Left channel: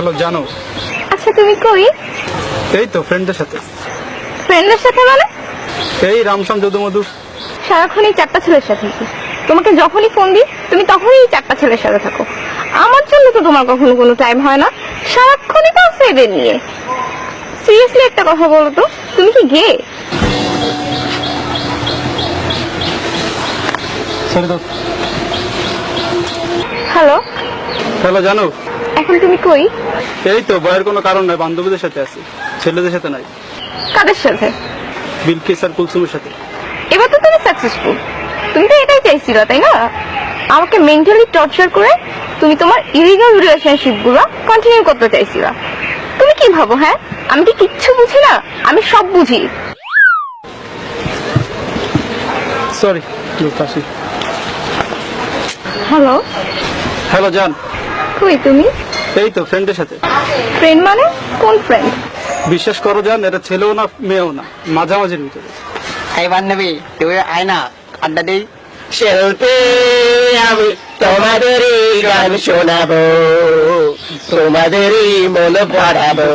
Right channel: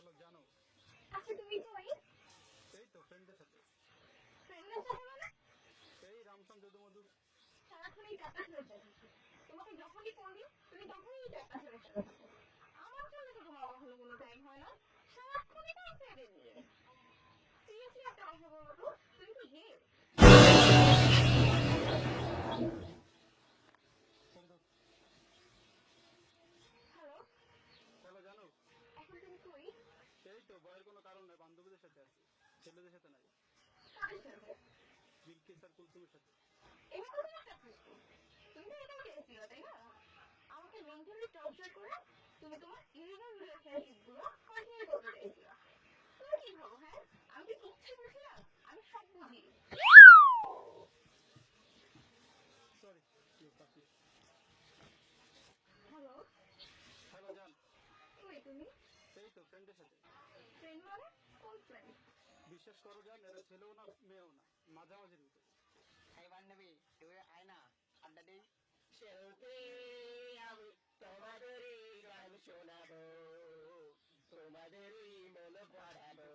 Hello জানো, আচ্ছা তুমি কই? এই তো ফ্রেন্ডদের সাথে। ফ্রেন্ডের সাথে মানে? এই রামসাম যদু মধু। সারাক্ষণ এই চারটা ছেলের সাথে কি? তোমাকে যখনই ফোন দিই তুমি তখনই এই চারটা ছেলের সাথে থাকো। আমার জন্য তো তোমার কখনো কোনো টাইম হয় না, সারাক্ষণই তো আছে এদের নিয়ে। সিরিয়াসলি একটা কথা বলো তো, তুমি কি গে? সরি তো। হ্যালো, হ্যালো জানো, এখন তুমি কই? এই তো বয়ের কোনো কারণ নাই, বান্ধবীদের সাথে আছি, ছেলেদের সাথে নাই। কাদের সাথে? বিলকিস আর কুলসুমের সাথে। এবার তো তুমি সাকসেসফুল। তুমি তো এটাই চাইছিলা তাই না? আমাকে মেন্টালি টর্চার করে তুমি তোমার ইলিগাল রিলেশনশিপ গুলো কন্টিনিউ করতে চাইছিলা। তুমি কি ভাবো? হ্যাঁ, আমি কি কিচ্ছু বুঝি না? আমি সব বুঝি। সরি কাশি। হ্যালো, হ্যালো জান, কই তুমি? এই তো ফ্রেন্ডের সাথে। ফ্রেন্ড মানে কোন ফ্রেন্ড? বিশ্বাস করো জান, এটা ছেলেও না মেয়েও না, মাঝামাঝির ভিতরে। এই বান্ধবী তুই আয় না আড্ডা দেই। শিল্পী আমি তোমাদেরই গান শোনাবো, তোমাদেরই মন ভরাবো।